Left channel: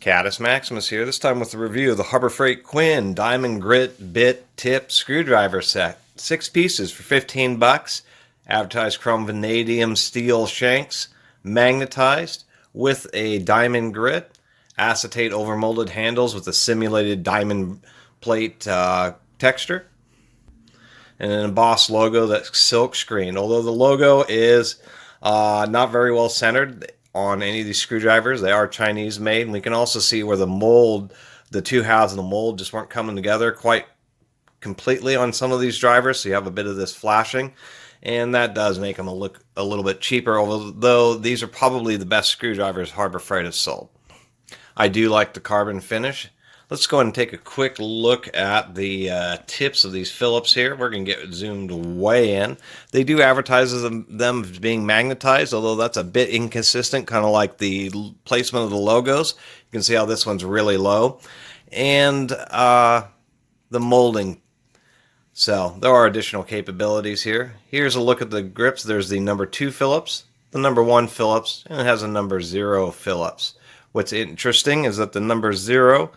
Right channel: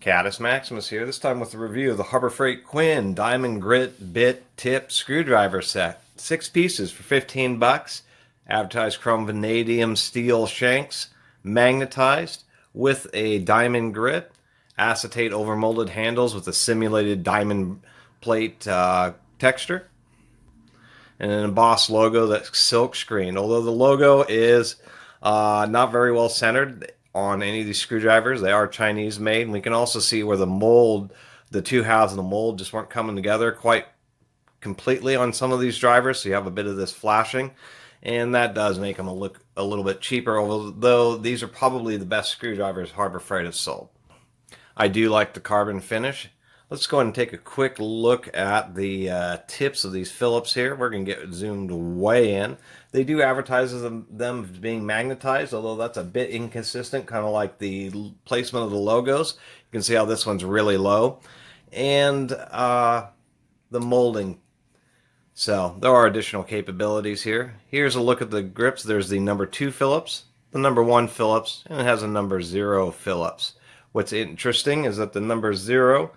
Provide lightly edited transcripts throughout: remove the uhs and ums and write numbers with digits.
Caddis Maximus here, this time with a review of the Harbor Freight Quinn Diamond Grit Bit Tip Screwdriver Set. 6 pieces for 15 bucks. Advertised Chrome Vanadium Steel Shanks, magnetized with a diamond grit, acetate overmolded handles with a simulated diamond plate texture, and an embossed logo that's silk screened. Although the logo is not very well centered on any of these screwdrivers, they are Chinese made, and we can also see where the mold, the two halves of the mold just weren't coming together quite completely on some of these drivers, so you have a bit of this flashing, and that does make them look a little bit cheaper, although these are probably the best screwdrivers Harbor Freight has sold. I do like the carbon finish. Let's go ahead and take a quick look at the tips of these Phillips here. We're going to get zoomed way in. They do advertise them being magnetized, although that's a bit inconsistent, kind of like the placement of the logos. You can see how this one's really low. And the molding. So there are additional capabilities here. Here's a look at the grips. There's the number 2 Phillips, the number 1 Phillips, and it has a number 0 Phillips. What's interesting is that the number 0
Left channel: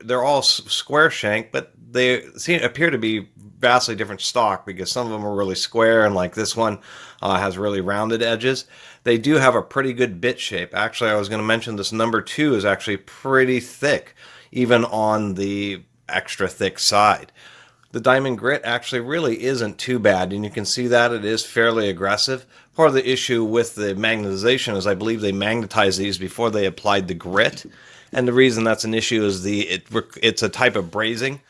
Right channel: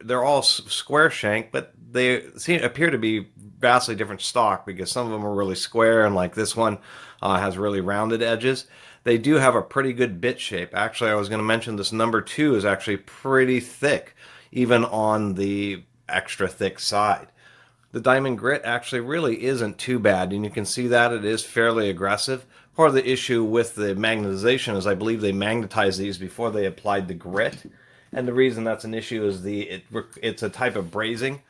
they're all square shank, but they appear to be vastly different stock because some of them are really square, and like this one has really rounded edges. They do have a pretty good bit shape. Actually, I was going to mention this number 2 is actually pretty thick, even on the extra thick side. The diamond grit actually really isn't too bad, and you can see that it is fairly aggressive. Part of the issue with the magnetization is I believe they magnetized these before they applied the grit. And the reason that's an issue is it's a type of brazing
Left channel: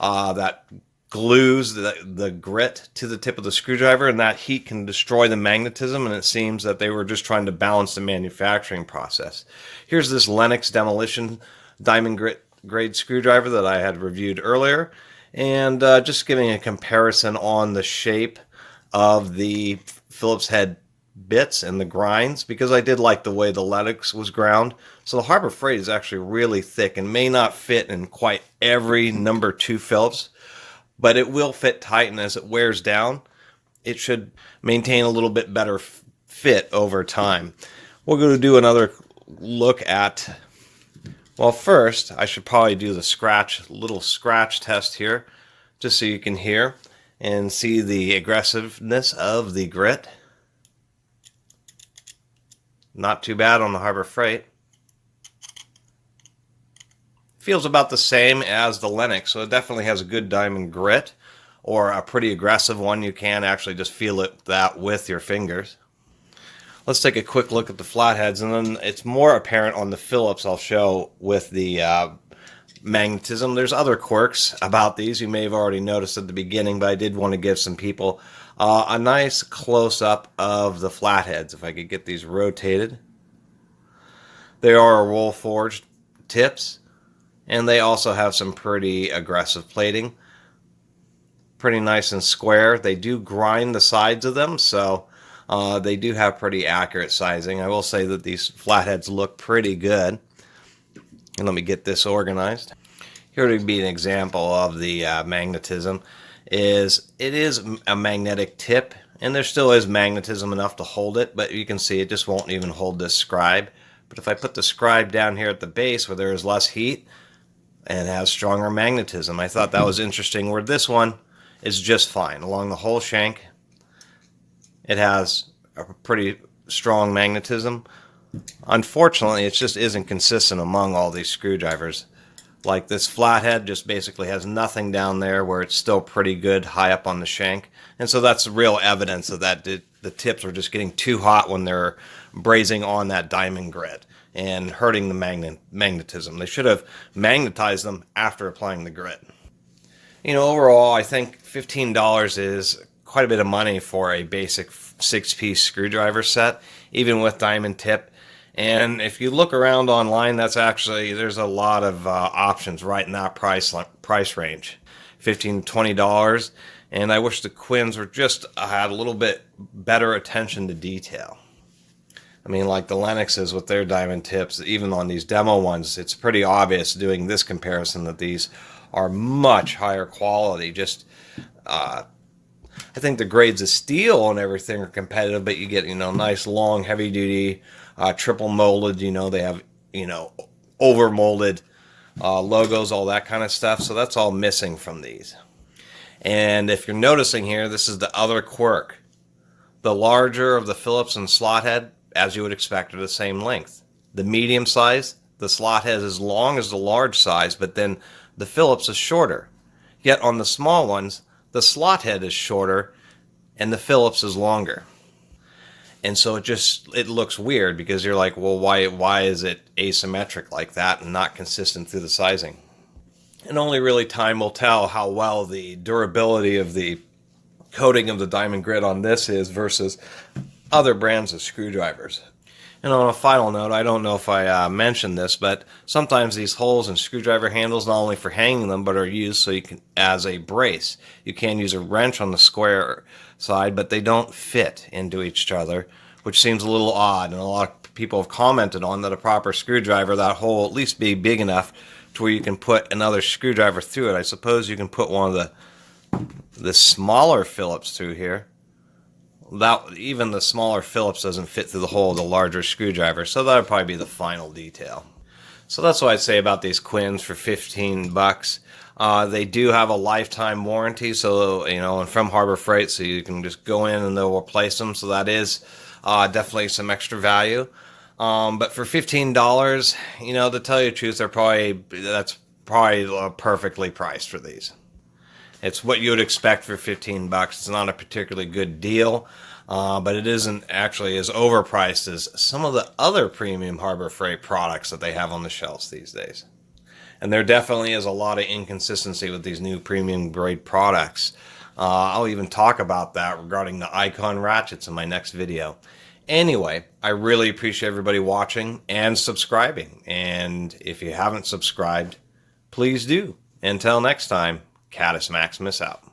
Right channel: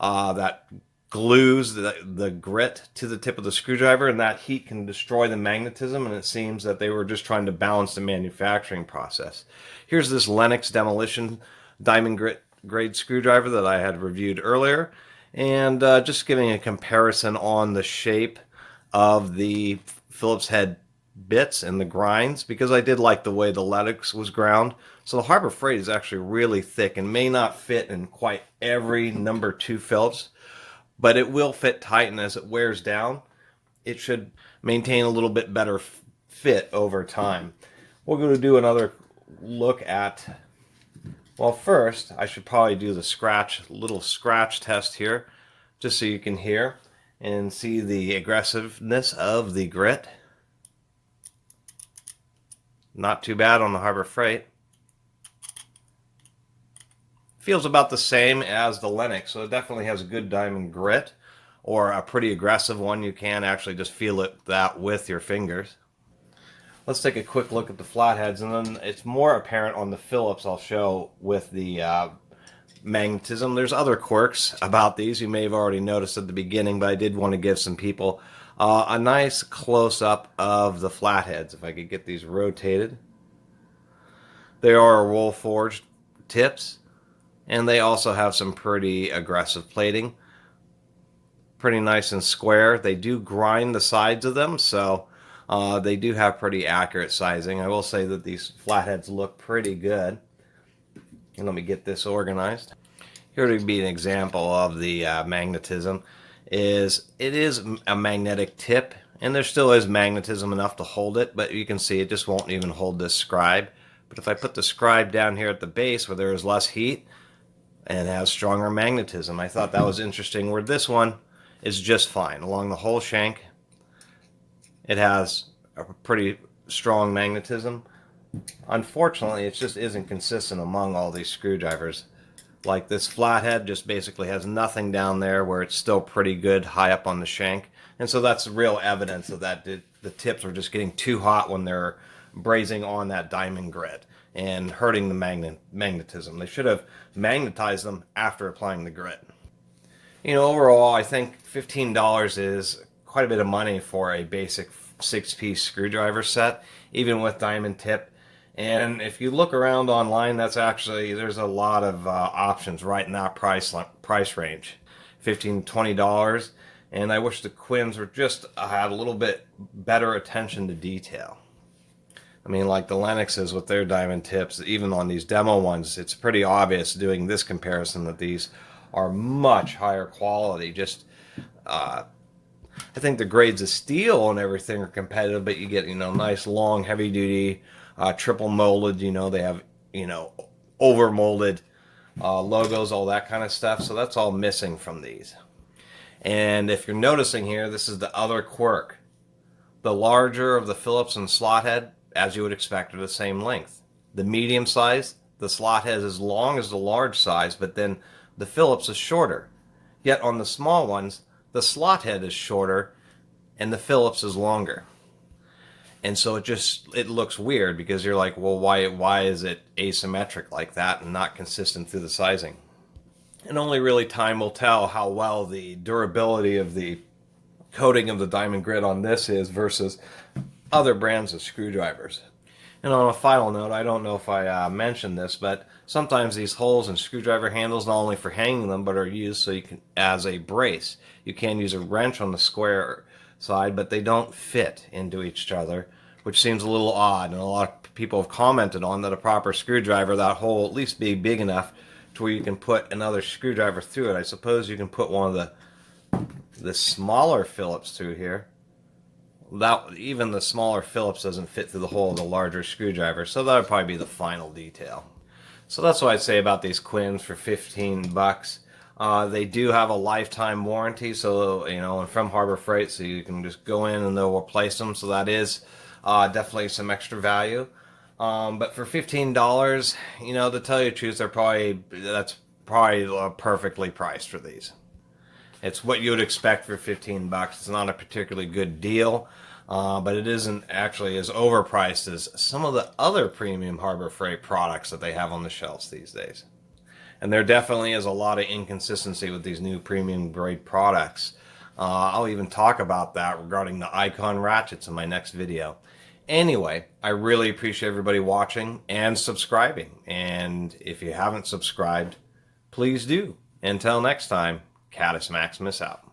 that glues the grit to the tip of the screwdriver, and that heat can destroy the magnetism, and it seems that they were just trying to balance the manufacturing process. Here's this Lennox Demolition Diamond Grit grade screwdriver that I had reviewed earlier, and just giving a comparison on the shape of the Phillips head bits and the grinds, because I did like the way the Lennox was ground. So the Harbor Freight is actually really thick and may not fit in quite every number 2 Phillips, but it will fit tight, and as it wears down, it should maintain a little bit better fit over time. We're going to do another look at, well, first I should probably do the little scratch test here, just so you can hear and see the aggressiveness of the grit. Not too bad on the Harbor Freight. Feels about the same as the Lennox, so it definitely has a good diamond grit, or a pretty aggressive one. You can actually just feel that with your fingers. Let's take a quick look at the flatheads, and then it's more apparent on the Phillips I'll show with the magnetism. There's other quirks about these you may have already noticed at the beginning, but I did want to give some people a nice close-up of the flatheads. If I could get these rotated. They are roll forged tips, and they also have some pretty aggressive plating. Pretty nice and square. They do grind the sides of them, so they do have pretty accurate sizing. I will say that these flatheads look pretty good. And let me get this organized. Here would be an example of the magnetism. It is a magnetic tip, and there still is magnetism enough to hold it, but you can see it just won't even hold this scribe. But if I put the scribe down here at the base where there is less heat, and has stronger magnetism, I thought that was interesting, where this one is just fine. Along the whole shank, it has a pretty strong magnetism. Unfortunately, it just isn't consistent among all these screwdrivers. Like this flathead just basically has nothing down there, where it's still pretty good high up on the shank. And so that's real evidence of that the tips are just getting too hot when they're brazing on that diamond grit and hurting the magnetism. They should have magnetized them after applying the grit. You know, overall, I think $15 is quite a bit of money for a basic 6-piece screwdriver set, even with diamond tip. And if you look around online, there's a lot of options right in that price range, $15 to $20. And I wish the Quinns were had a little bit better attention to detail. I mean, like the Lennoxes with their diamond tips, even on these demo ones, it's pretty obvious doing this comparison that these are much higher quality. I think the grades of steel and everything are competitive, but you get, nice long heavy duty triple molded. They have, overmolded logos, all that kind of stuff. So that's all missing from these. And if you're noticing here, this is the other quirk. The larger of the Phillips and slot head, as you would expect, are the same length. The medium size, the slot head is as long as the large size, but then the Phillips is shorter. Yet on the small ones, the slot head is shorter and the Phillips is longer. And so it looks weird because you're like, well, why is it asymmetric like that and not consistent through the sizing? And only really time will tell how well the durability of the coating of the diamond grit on this is versus other brands of screwdrivers. And on a final note, I don't know if I mentioned this, but sometimes these holes in screwdriver handles, not only for hanging them, but are used so you can as a brace. You can use a wrench on the square side, but they don't fit into each other, which seems a little odd. And a lot of people have commented on that a proper screwdriver, that hole at least be big enough to where you can put another screwdriver through it. I suppose you can put one of the smaller Phillips through here. Even the smaller Phillips doesn't fit through the hole of the larger screwdriver, so that would probably be the final detail. So that's what I'd say about these Quinns for 15 bucks. They do have a lifetime warranty, so and from Harbor Freight, so you can just go in and they'll replace them. So that is definitely some extra value. But for $15, to tell you the truth, that's probably perfectly priced for these. It's what you would expect for 15 bucks. It's not a particularly good deal, but it isn't actually as overpriced as some of the other premium Harbor Freight products that they have on the shelves these days. And there definitely is a lot of inconsistency with these new premium grade products. I'll even talk about that regarding the Icon ratchets in my next video. Anyway, I really appreciate everybody watching and subscribing. And if you haven't subscribed, please do. Until next time, Catus Maximus out.